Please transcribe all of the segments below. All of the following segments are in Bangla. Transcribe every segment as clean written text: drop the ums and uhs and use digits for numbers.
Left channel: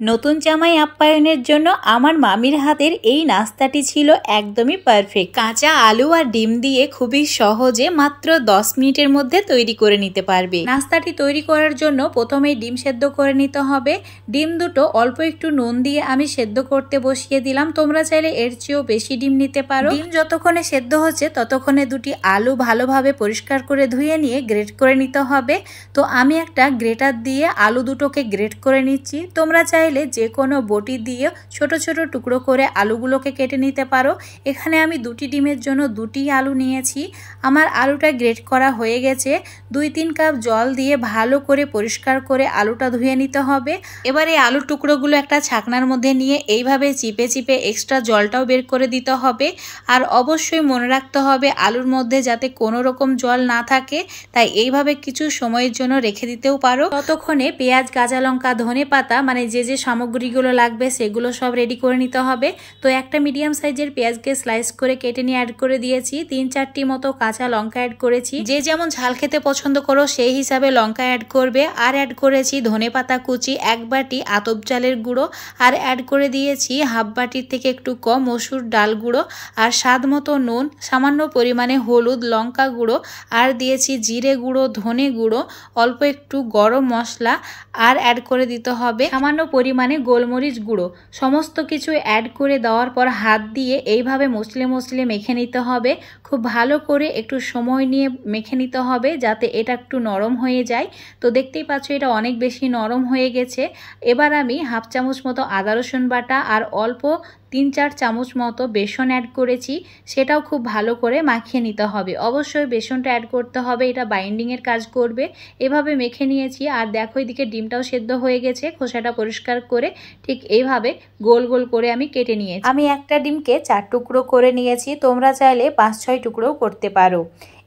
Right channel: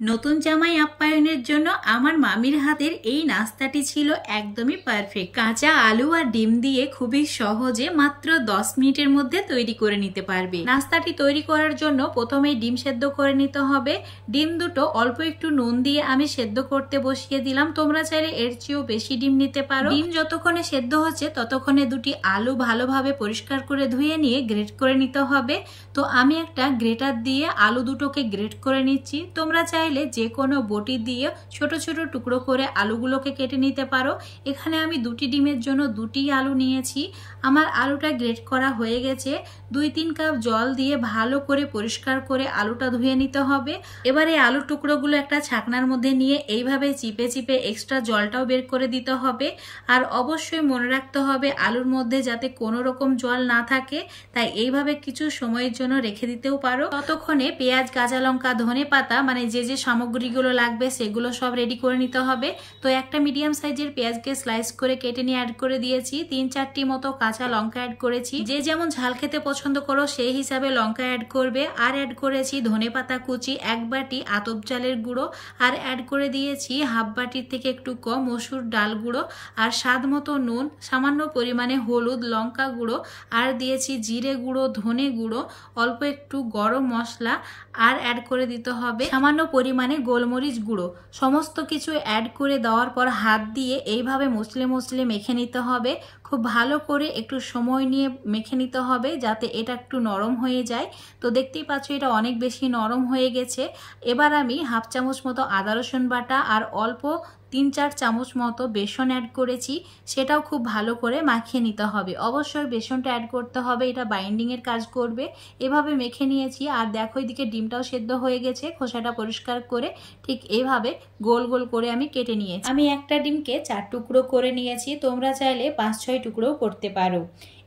নতুন জামাই আপ্যায়নের জন্য আমার মামির হাতের এই নাস্তাটি ছিল একদমই পারফেক্ট। কাঁচা আলু আর ডিম দিয়ে খুবই সহজে মাত্র 10 মিনিটের মধ্যে তৈরি করে নিতে পারবে। নাস্তাটি তৈরি করার জন্য প্রথমে ডিম সেদ্ধ করে নিতে হবে। ডিম দুটো অল্প একটু নুন দিয়ে আমি সেদ্ধ করতে বসিয়ে দিলাম। তোমরা চাইলে এর চেয়েও বেশি ডিম নিতে পারো। ডিম যতক্ষণে সেদ্ধ হচ্ছে ততক্ষণে দুটি আলু ভালোভাবে পরিষ্কার করে ধুয়ে নিয়ে গ্রেট করে নিতে হবে। তো আমি একটা গ্রেটার দিয়ে আলু দুটোকে গ্রেট করে নিচ্ছি। তোমরা চাইলে যে কোনো বটি দিয়ে ছোট ছোট টুকরো করে আলুগুলোকে কেটে নিতে পারো। এখানে আমি দুটি ডিমের জন্য দুটি আলু নিয়েছি। আমার আলুটা গ্রেট করা হয়ে গেছে। 2-3 কাপ জল দিয়ে ভালো করে পরিষ্কার করে আলুটা ধুয়ে নিতে হবে। এবারে আলুর টুকরোগুলো একটা ছাকনার মধ্যে নিয়ে এইভাবে চিপে চিপে এক্সট্রা জলটাও বের করে দিতে হবে। আর অবশ্যই মনে রাখতে হবে আলুর মধ্যে যাতে কোনো রকম জল না থাকে, তাই এইভাবে কিছু সময়ের জন্য রেখে দিতেও পারো। ততক্ষণে পেঁয়াজ, কাঁচা লঙ্কা, ধনেপাতা মানে যে সামগ্রীগুলো লাগবে সেগুলো সব রেডি করে নিতে হবে। তো একটা মিডিয়াম সাইজের পেঁয়াজকে স্লাইস করে কেটে নিয়ে অ্যাড করে দিয়েছি। 3-4টি মতো কাঁচা লঙ্কা অ্যাড করেছি। যে যেমন ঝাল খেতে পছন্দ করো সেই হিসাবে লঙ্কা অ্যাড করবে। আর অ্যাড করেছি ধনেপাতা কুচি, 1 বাটি আতপ চালের গুঁড়ো, আর অ্যাড করে দিয়েছি হাফ বাটির থেকে একটু কম মসুর ডাল গুঁড়ো, আর স্বাদ মতো নুন, সামান্য পরিমাণে হলুদ, লঙ্কা গুঁড়ো, আর দিয়েছি জিরে গুঁড়ো, ধনে গুঁড়ো, অল্প একটু গরম মশলা, আর অ্যাড করে দিতে হবে সামান্য পরিমাণে গোলমরিচ গুঁড়ো। সমস্ত কিছু অ্যাড করে দেওয়ার পর হাত দিয়ে এইভাবে মসলে মসলে মেখে নিতে হবে। খুব ভালো করে একটু সময় নিয়ে মেখে নিতে হবে যাতে এটা একটু নরম হয়ে যায়। তো দেখতেই পাচ্ছ এটা অনেক বেশি নরম হয়ে গেছে। এবার আমি হাফ চামচ মতো আদা রসুন বাটা আর অল্প 3-4 চামচ মতো বেসন অ্যাড করেছি। সেটাও খুব ভালো করে মাখিয়ে নিতে হবে। অবশ্যই বেসনটা অ্যাড করতে হবে, এটা বাইন্ডিংয়ের কাজ করবে। এভাবে মেখে নিয়েছি। আর দেখো এদিকে ডিমটাও সেদ্ধ হয়ে গেছে। খোসাটা পরিষ্কার করে ঠিক এইভাবে গোল গোল করে আমি কেটে নিয়েছি। আমি একটা ডিমকে 4 টুকরো করে নিয়েছি। তোমরা চাইলে 5-6 টুকরোও করতে পারো।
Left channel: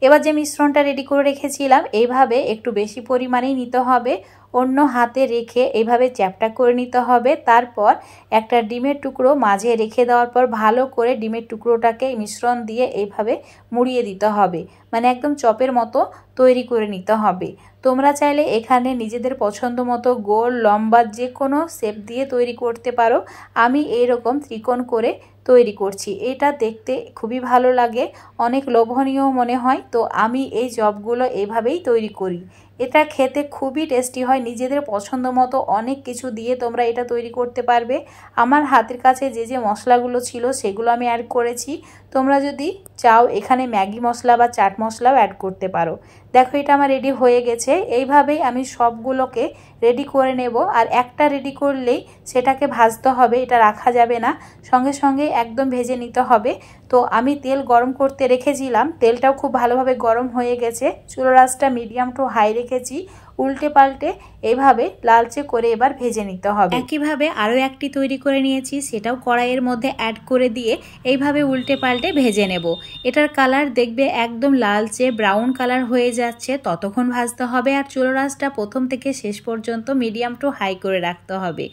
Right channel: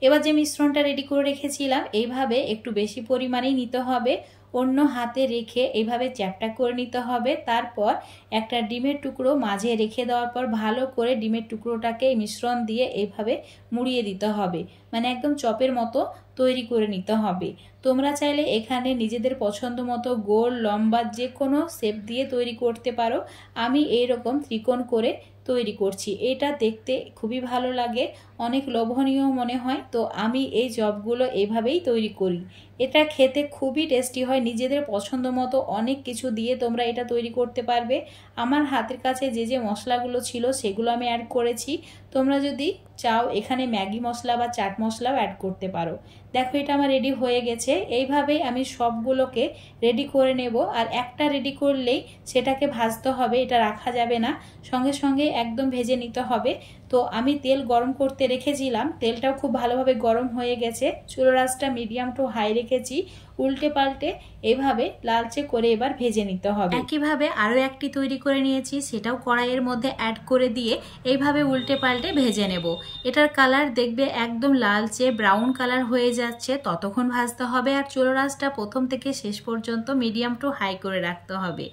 এবার যে মিশ্রণটা রেডি করে রেখেছিলাম এইভাবে একটু বেশি পরিমাণেই নিতে হবে। অন্য হাতে রেখে এইভাবে চ্যাপটা করে নিতে হবে। তারপর একটা ডিমের টুকরো মাঝে রেখে দেওয়ার পর ভালো করে ডিমের টুকরোটাকে মিশ্রণ দিয়ে এইভাবে মুড়িয়ে দিতে হবে, মানে একদম চপের মতো তৈরি করে নিতে হবে। তোমরা চাইলে এখানে নিজেদের পছন্দ মতো গোল, লম্বা যে কোনো শেপ দিয়ে তৈরি করতে পারো। আমি এইরকম ত্রিকোণ করে তৈরি করছি। এটা দেখতে খুবই ভালো লাগে, অনেক লোভনীয় মনে হয়। তো আমি এই চপগুলো এইভাবেই তৈরি করি। এটা খেতে খুবই টেস্টি হয়। নিজেদের পছন্দ মতো অনেক কিছু দিয়ে তোমরা এটা তৈরি করতে পারবে। আমার হাতের কাছে যে মশলাগুলো ছিল সেগুলো আমি অ্যাড করেছি। তোমরা যদি চাও এখানে ম্যাগি মশলা বা চাট মশলাও অ্যাড করতে পারো। দেখো এটা আমার রেডি হয়ে গেছে। এইভাবেই আমি সবগুলোকে রেডি করে নেব। আর একটা রেডি করলেই সেটাকে ভাজতে হবে, এটা রাখা যাবে না, সঙ্গে সঙ্গে একদম ভেজে নিতে হবে। তো আমি তেল গরম করতে রেখেছিলাম, তেলটাও খুব ভালোভাবে গরম হয়ে গেছে। চুলার আঁচটা মিডিয়াম টু হাই রেখেছি। উল্টে পাল্টে এইভাবে লালচে করে এবার ভেজে নিতে হবে। একইভাবে আরও একটি তৈরি করে নিয়েছি, সেটাও কড়াইয়ের মধ্যে অ্যাড করে দিয়ে এইভাবে উল্টে পাল্টে ভেজে নেব। এটার কালার দেখবে একদম লালচে ব্রাউন কালার হয়ে যাচ্ছে, ততক্ষণ ভাজতে হবে। আর চুলার আঁচটা প্রথম থেকে শেষ পর্যন্ত মিডিয়াম টু হাই করে রাখতে হবে।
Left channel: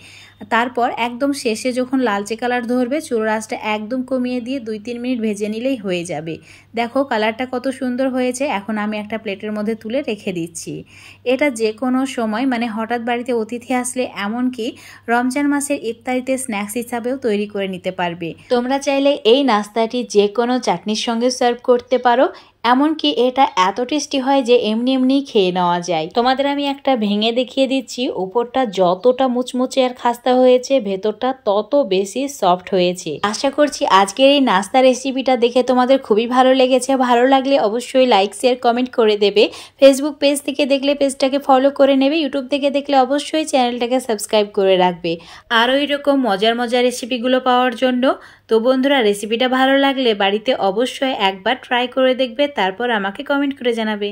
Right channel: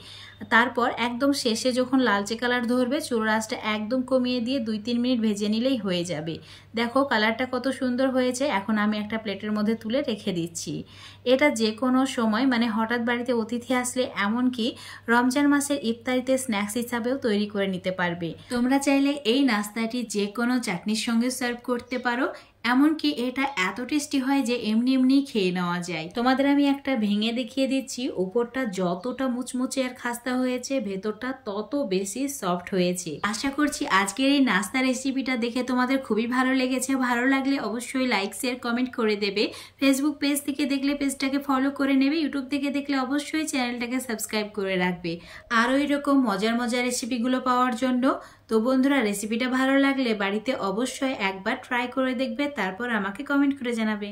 তারপর একদম শেষে যখন লালচে কালার ধরবে চুলার আঁচটা একদম কমিয়ে দিয়ে 2-3 মিনিট ভেজে নিলেই হয়ে যাবে। দেখো কালারটা কত সুন্দর হয়েছে। এখন আমি একটা প্লেটের মধ্যে তুলে রেখে দিচ্ছি। এটা যে কোনো সময় মানে হঠাৎ বাড়িতে অতিথি আসলে, এমনকি রমজান মাসের ইফতারিতে স্ন্যাক্স হিসাবেও তৈরি করে নিতে পারবে। তোমরা চাইলে এই নাস্তাটি যে কোনো চাটনির সঙ্গে সার্ভ করতে পারো। এমনকি এটা এত টেস্টি হয় যে এমনি এমনি খেয়ে নেওয়া যায়। তোমাদের আমি একটা ভেঙে দেখিয়ে দিচ্ছি। উপরটা যতটা মুচমুচে আর খাস্তা হয়েছে, ভেতরটা তত বেশি সফট হয়েছে। আশা করছি আজকের এই নাস্তা রেসিপিটা দেখে তোমাদের খুবই ভালো লেগেছে। ভালো লাগলে অবশ্যই লাইক, শেয়ার, কমেন্ট করে দেবে। ফেসবুক পেজ থেকে দেখলে পেজটাকে ফলো করে নেবে। ইউটিউব থেকে দেখলে অবশ্যই চ্যানেলটাকে সাবস্ক্রাইব করে রাখবে আরও এরকম মজার মজার রেসিপিগুলো পাওয়ার জন্য। তো বন্ধুরা, রেসিপিটা ভালো লাগলে বাড়িতে অবশ্যই একবার ট্রাই করে দেখবে, তারপর আমাকে কমেন্ট করে জানাবে।